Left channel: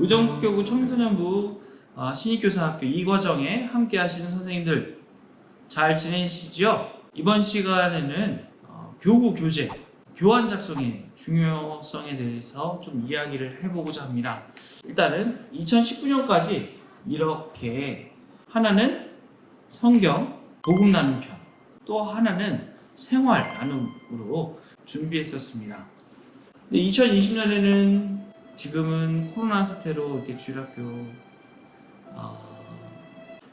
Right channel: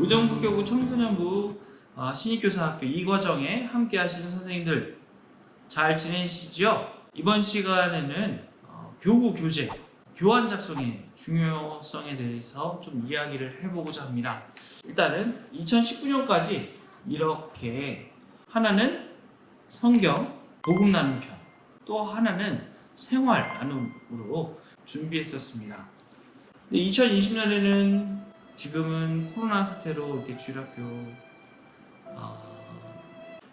의정부교구 청소년부 신입교사학교 2과정에 함께 하시는 선생님들 잘 지내시죠? 이번 시간에는 교구 교재, 교환 작성의 중요성에 대해서 좀 이야기를 해보고자 합니다. 일단은 2019년까지 이렇게 하나는 성경, 복음 나눔 편, 또 하나는 생활 나눔으로 준비했었습니다. 2020년에는 지금은 코로나 사태로 이렇게 주일학교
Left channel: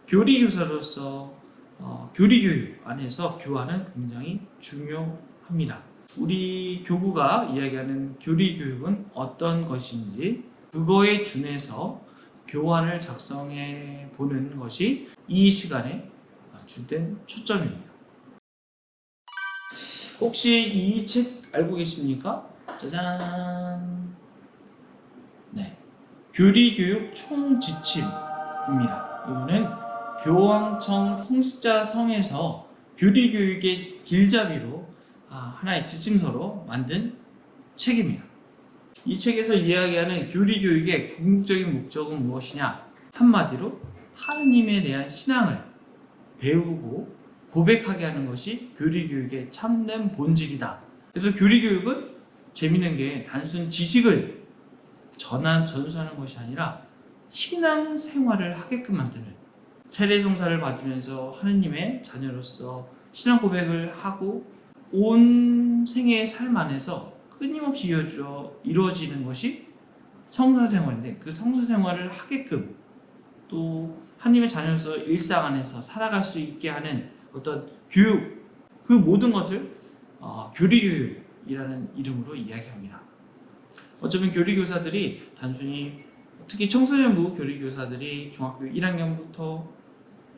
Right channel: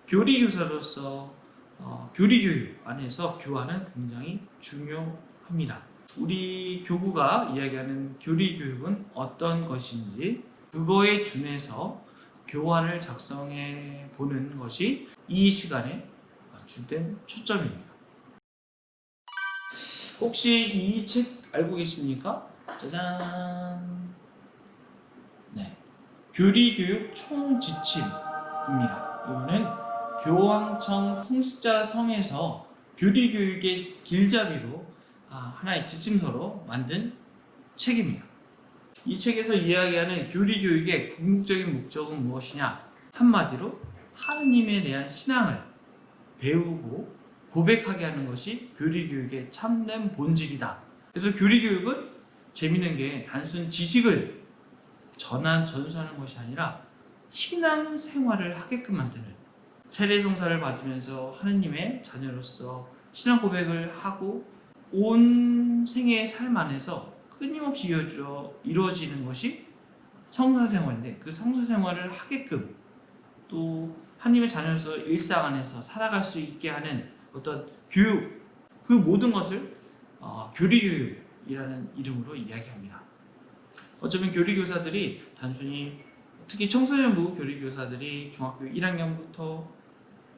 교리교사로서 교리교육 안에서 교환은 굉장히 중요합니다. 우리 교구가 이야기하는 교리교육은 어떤 것인지 그거에 준해서 교환을 작성해 보는 것이 이 시간에 주된 초점입니다. 혹시 이 책 알고 계십니까? 짜잔! 네, 교리교육 총지침입니다. 이거는 교황청 성직자성에서 교리교육의 길잡이로 하나의 지침서로 만든 책입니다. 이 책에서 이야기하는 교리교육의 궁극적인 목적은 무엇이냐? 한마디로 하느님에 대한 신앙을 배우고 고백하게 하는 것이 교리교육의 참된 본질이다. 그래서 교리교육은 재밌는 게 단순 지식을 전수하는 것이 아니라 신앙생활을 하게끔 만드는, 세례송사를 받으면서 하느님의 자녀로서 신앙 고백을 하고 온 생애의 삶 안에서 끊임없이 이루어지는 것이 성사생활인데, 그 성사생활을 하게끔 또 하느님의 자녀로서 일상 안에서 살아갈 수 있게 하는 어떤 교육, 그 모든 것을 교리교육이라는 이름으로 이야기합니다. 어쩌면 교리교사들이 단순히, 특히 청소년부 교리교사들이 중학교 1학년부터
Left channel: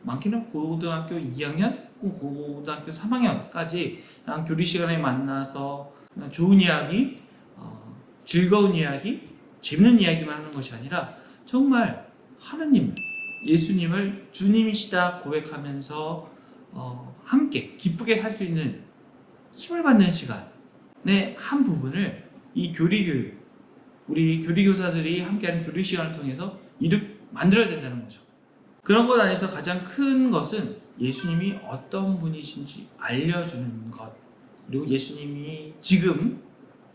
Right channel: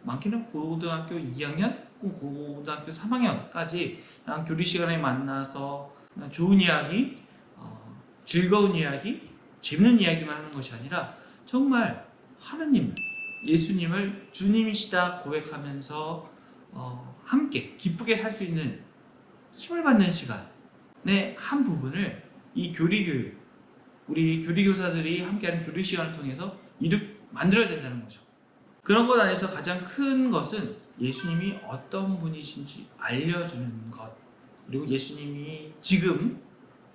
많게는 고등학교 2학년 혹은 고등학교 3학년까지 그냥 교리 시간에 만나서 좋은 이야기, 즐거운 이야기, 재밌는 이야기만 하는 것이 아니라 정말 하느님을, 예수님을 주님이시다 고백하면서 함께 기쁘게 살 수 있는 힘을 받는 시간의 한 부분을 이 교리교육, 우리 교리교사들이 함께하는 교리 시간을 통해서 만들어야 된다는 거죠. 그런 것 안에서 가장 큰 것은 예수님이 어떤 분이신지 알려주는 것, 그리고 예수님이 지금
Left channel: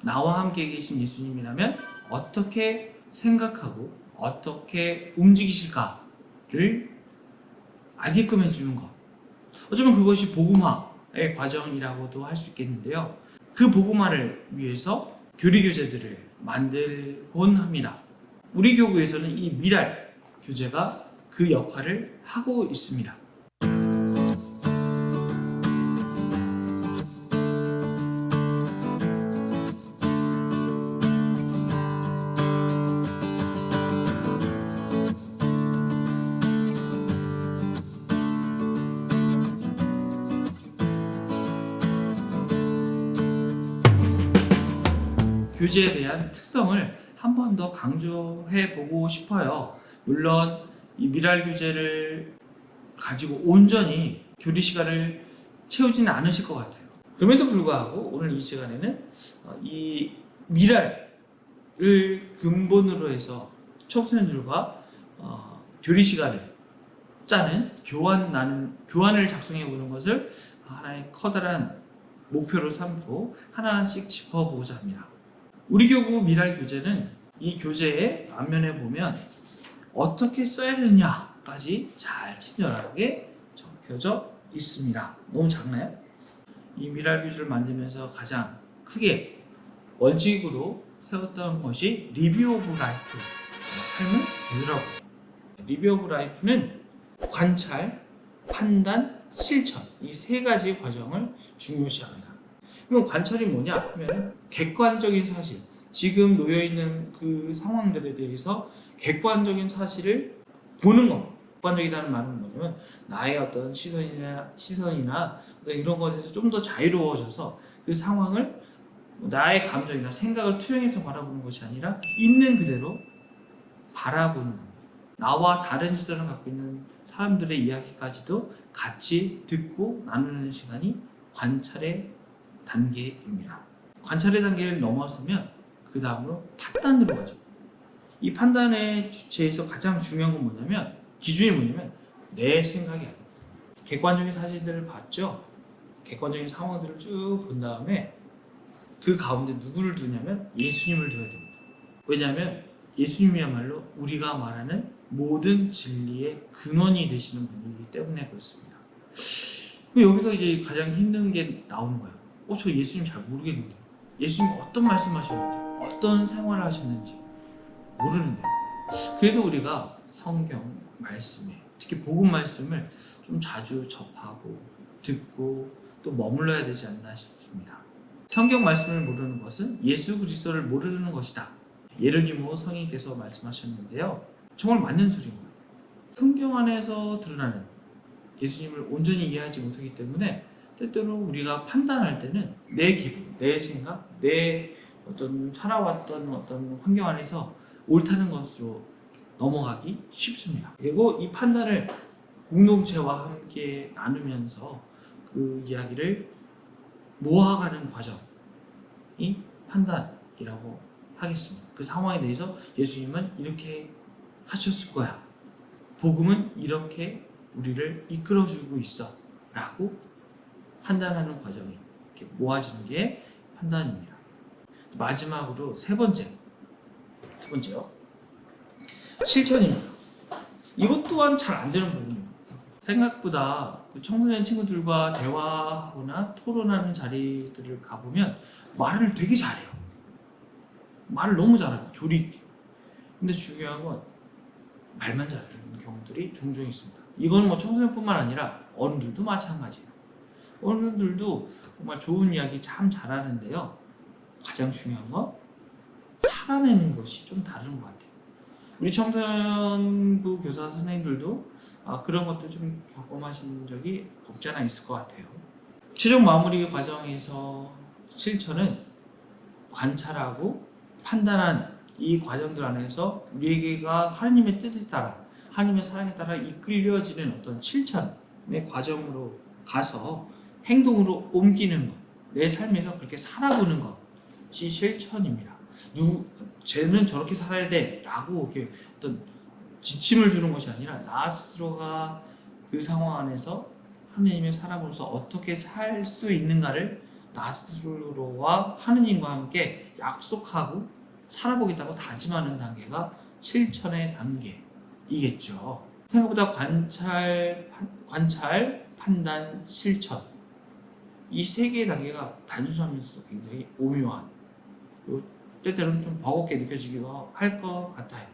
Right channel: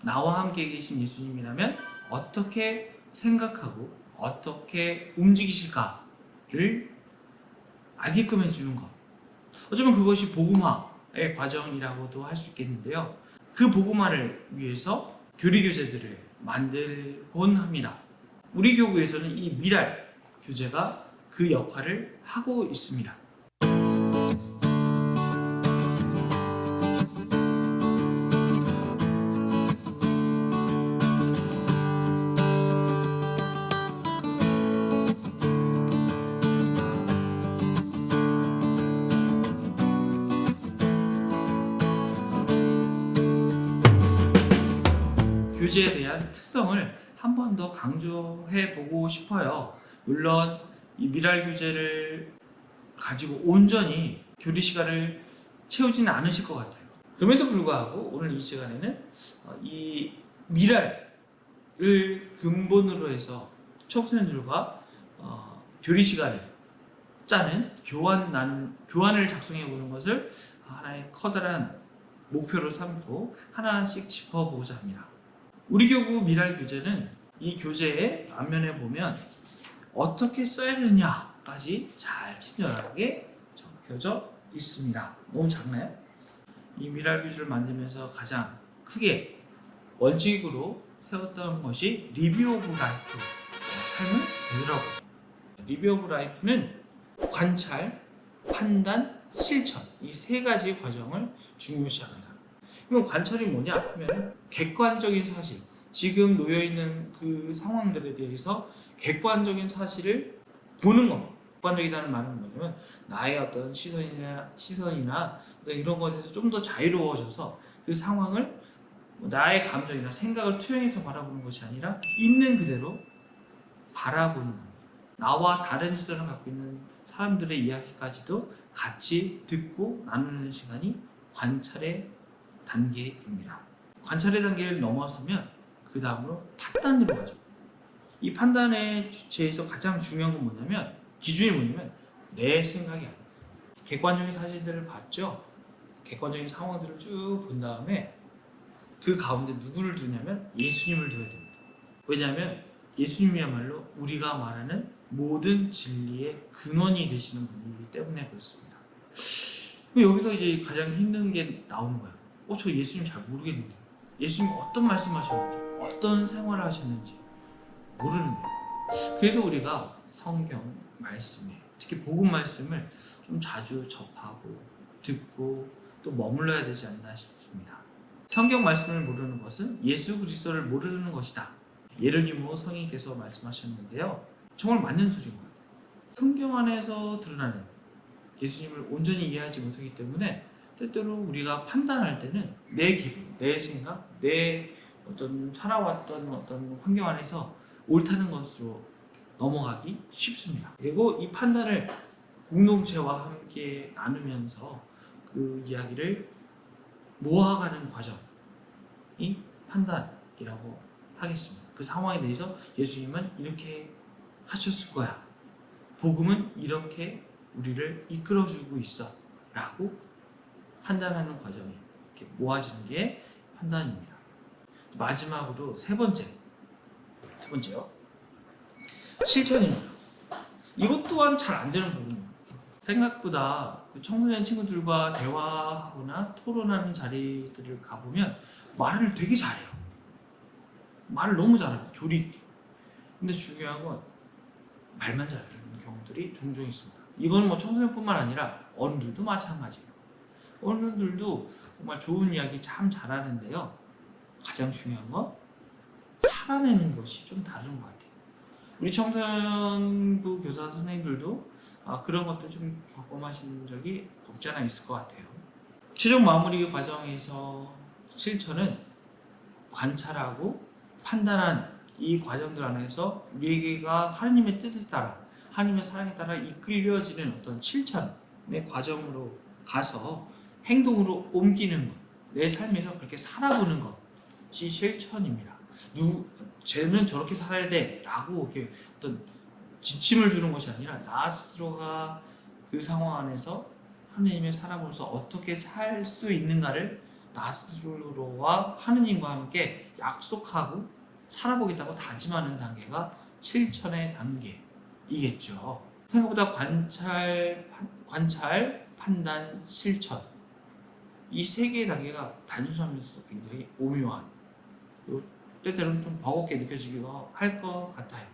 나와 함께 계신 예수님이라면 어떻게 생각하고 어떻게 움직이실까를 알게끔 해주는 것. 어쩌면 그것이 복음화의 과정이라고도 할 수 있겠는데요. 그 복음화를 위해서 교리교재들을 만들곤 합니다. 우리 교구에서는 이 미랄 교재가 그 역할을 하고 있습니다. 교재에 대한 특성을 한 번 더 강조해 보고 싶어요. 물론 이 미랄 교재를 가지고 온전히 교리 시간을 채우지는 않으실 것 같아요. 그럼에도 불구하고 오늘 이 시간에는 이 미랄을 근본으로 해서 청소년들과 교리 시간을 짜는 교환을 작성해 보는 것을 하나의 커다란 목표로 삼고 하나하나씩 짚어보고자 합니다. 우리 교구 미랄 교재는 이 교재의 앞면에 보면 어떻게 써야 되느냐까지 잘 친절하게 적혀져 있습니다. 너무 작나요? 이 미랄 교재를 만들면서 가장 크게 원칙으로 세웠던 것이 리뷰 오브 라이프, 삶을 되돌아보기. 리뷰 오브 라이프는 관찰, 판단, 실천, 이 세 가지 과정을 중요시합니다. 그럼 관찰이 뭐냐 하면 객관적인 사실, 지금 놓여있는 그 상황들에 대해서 객관적인 사실을 보는 것. 객관적이라는 말은 뭐냐면 나의 어떤 시선이나 어떤 이런 것에서 좀 더 자유로워져서 그 상황을 나의 감정이나 생각을 투영해서 바라보는 것이 아니라 있는 그대로 바라보는 겁니다. 나와 다른 시선을 갖고 있는 사람들의 이야기까지도 같이 듣고 나누는 시간이 관찰의 단계입니다. 관찰의 단계를 넘어서면 그 다음으로 판단으로 가죠. 이 판단의 주체에서 가장 중요한 건 뭐냐면, 기준이 뭐냐면 내 생각이 아니에요. 객관적인 사실들을 봤죠. 객관적인 상황들을 쭉 본 다음에 그 가운데 누구를 두냐면 예수님을 둬야 됩니다. 왜냐하면 예수님이야말로 우리가 말하는 모든 진리의 근원이 되시는 분이기 때문에 그렇습니다. 여기서 이제 가장 힘든 게 나오는 거예요. 저 예수님 잘 모르겠는데, 예수님 어떤 말씀하셨는지, 어떤 생활을 하셨는지 모르는데. 그래서 우리가 성경 말씀에, 특히 복음 말씀을 좀 자주 접하고 듣고 또 머물러야 되지 않나 싶습니다. 성경 말씀을 모르는 것은 예수 그리스도를 모르는 것이다. 예르니모 성인께서 말씀하셨는데요. 정말 맞는 소리인 것 같아요. 성경 안에서 드러나는 예수님을 온전히 이해하지 못하기 때문에 때때로 우리가 판단할 때는 내 기분, 내 생각, 내 어떤 살아왔던 어떤 환경 안에서 옳다는 것으로 넘어가기 쉽습니다. 그리고 이 판단을 공동체와 함께 나누면서 그 이야기를 모아가는 과정이 판단이라고 하겠습니다. 그 상황에 대해서 예수님은 이렇게 하셨을 거야. 복음은 이렇게 우리를 이끌어주고 있어. 라고 판단하는 과정이 이렇게 모아지는 게 판단입니다. 마지막으로 세 번째요. 실천입니다. 이것 또한 잘 안 되는 부분이에요. 생각보다 그 청소년 친구들과 대화하거나 토론하는 자리들을 가보면 말을 되게 잘해요. 말을 너무 잘합니다. 조리 있게. 근데 중요한 건 말만 잘하는 경우들이 종종 있습니다. 이건 뭐 청소년뿐만 아니라 어른들도 마찬가지예요. 어른들도 정말 좋은 이야기 참 잘하는데요. 가장 중요한 건 살아내는 것이 좀 다른 것 같아요. 우리 청소년부 교사 선생님들도 그런 것들 좀 경험하신 적이 없지 않아 있을 것 같아요. 최종 마무리 과정에서 실천은 관찰하고 판단한 이 과정들 안에서 우리가 하나님의 뜻에 따라, 하나님의 사랑에 따라 이끌려지는 어떤 실천의 과정으로 가서 행동으로 옮기는 것, 내 삶에서 그렇게 살아보는 것이 실천입니다. 쟤는 저렇게 살아야 돼 라고 이렇게 어떤 지침을 주는 것이 아니라 나 스스로가 그 상황 안에서 하느님의 사람으로서 어떻게 살 수 있는가를 나 스스로와 하느님과 함께 약속하고 살아보겠다고 다짐하는 단계가 실천의 단계이겠죠. 생각보다 관찰, 판단, 실천, 이 세 개의 단계가 단순하면서도 굉장히 오묘한, 때때로는 좀 버겁게 느껴지기도 할 것 같아요.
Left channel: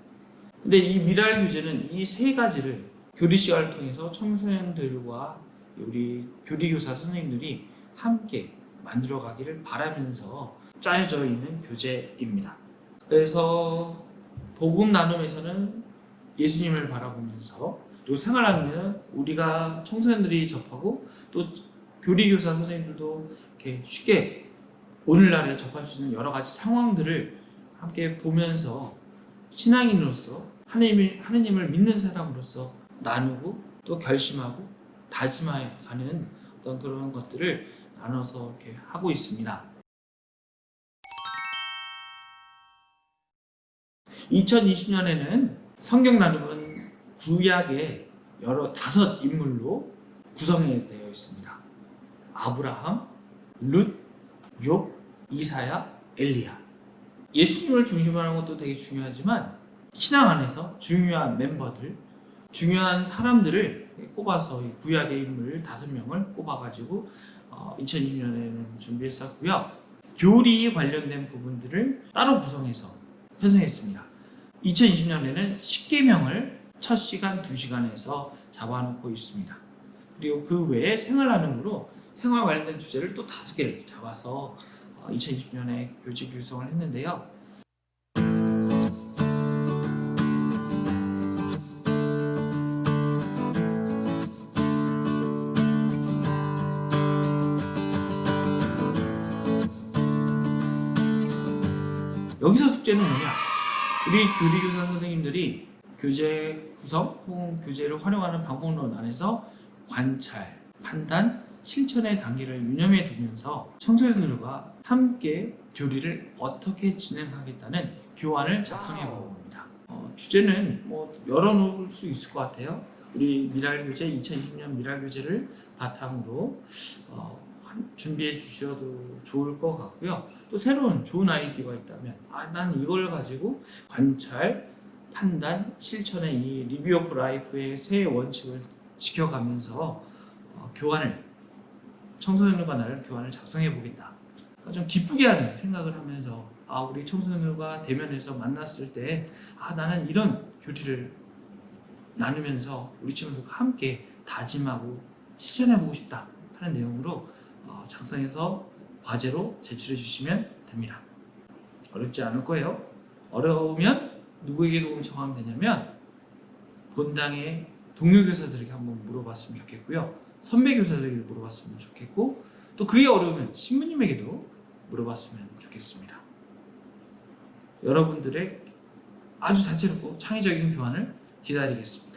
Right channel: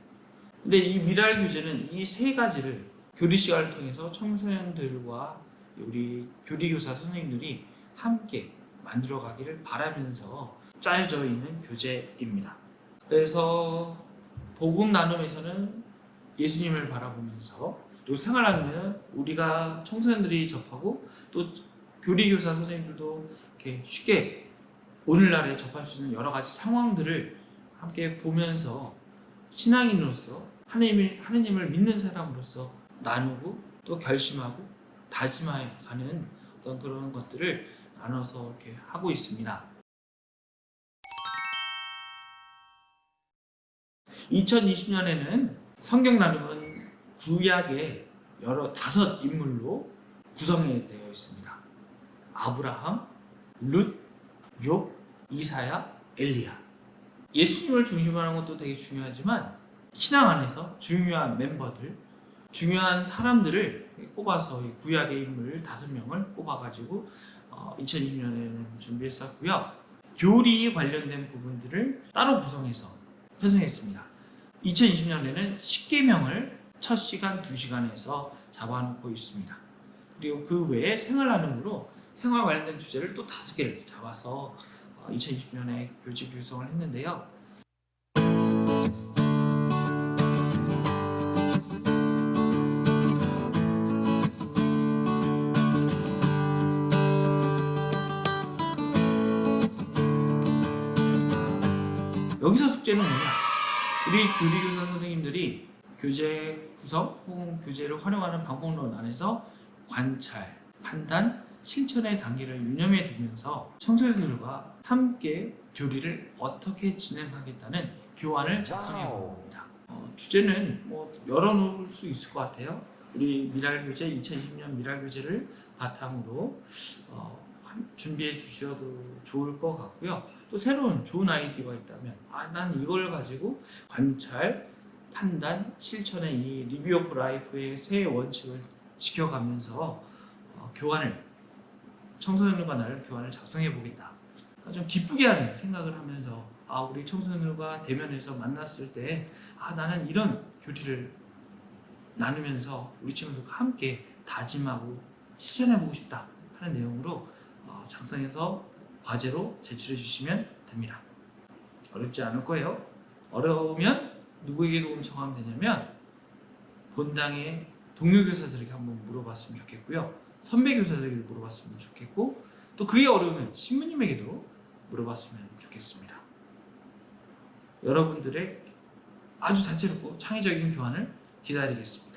근데 이 미랄 교재는 이 세 가지를 교리 시간을 통해서 청소년들과 우리 교리교사 선생님들이 함께 만들어가기를 바라면서 짜여져 있는 교재입니다. 그래서 복음 나눔에서는 예수님을 바라보면서, 또 생활 나눔에는 우리가 청소년들이 접하고 또 교리교사 선생님들도 이렇게 쉽게 오늘날에 접할 수 있는 여러 가지 상황들을 함께 보면서 신앙인으로서 하느님을 믿는 사람으로서 나누고 또 결심하고 다짐하여 가는 어떤 그런 것들을 나눠서 이렇게 하고 있습니다. 2020년에는 성경 나눔은 구약의 다섯 인물로 구성되어 있습니다. 아브라함, 룻, 욥, 이사야, 엘리야. 예수님을 중심으로 하는 것도 되게 중요하지만 신앙 안에서 중요한 멤버들, 중요한 사람들을 꼽아서 구약의 인물 5명을 꼽아가지고 2020년에는 준비했었고요. 교리 관련된 부분들을 따로 구성해서 편성했습니다. 2020년에는 10계명을 첫 시간, 2시간에서 잡아놓고 있습니다. 그리고 그 외에 생활 나눔으로 생활 관련된 주제를 또 5개를 잡아서 2020년에 교재 구성을 했는데요. 여기서 숙제는 뭐냐? 우리 교리교사 선생님들이 교재 구성 혹은 교재를 활용하는 방법론 안에서 관찰, 판단, 실천의 단계를 유념해 두면서 청소년들과 함께 교리를 어떻게 진행하겠다는 교환을 작성해 본 겁니다. 주제는 뭐 열어놓을 수 있을 것 같아요. 우리 미랄교재 2020년 미랄교재를 바탕으로 준비해 주셔도 좋을 것 같고요. 또 새로운 좋은 아이디어가 있다면 난 이걸 가지고 관찰, 판단, 실천의 이 리뷰 오브 라이프의 세 원칙을 지켜가면서 청소년과 나를 교환을 작성해 보겠다. 좀 기쁘게 하는 생각을 하면서 우리 청소년과 대면해서 만났을 때 나는 이런 교리를 나누면서 우리 친구들과 함께 다짐하고 실천해 보고 싶다 하는 내용으로 작성해서 과제로 제출해 주시면 됩니다. 어렵지 않을 거예요. 어려우면 누구에게 도움 청하면 되냐면 본당의 동료 교사들에게 한번 물어봤으면 좋겠고요. 선배 교사들에게 물어봤으면 좋겠고, 또 그게 어려우면 신부님에게도 물어봤으면 좋겠습니다. 여러분들의 아주 다채롭고 창의적인 교환을 기다리겠습니다.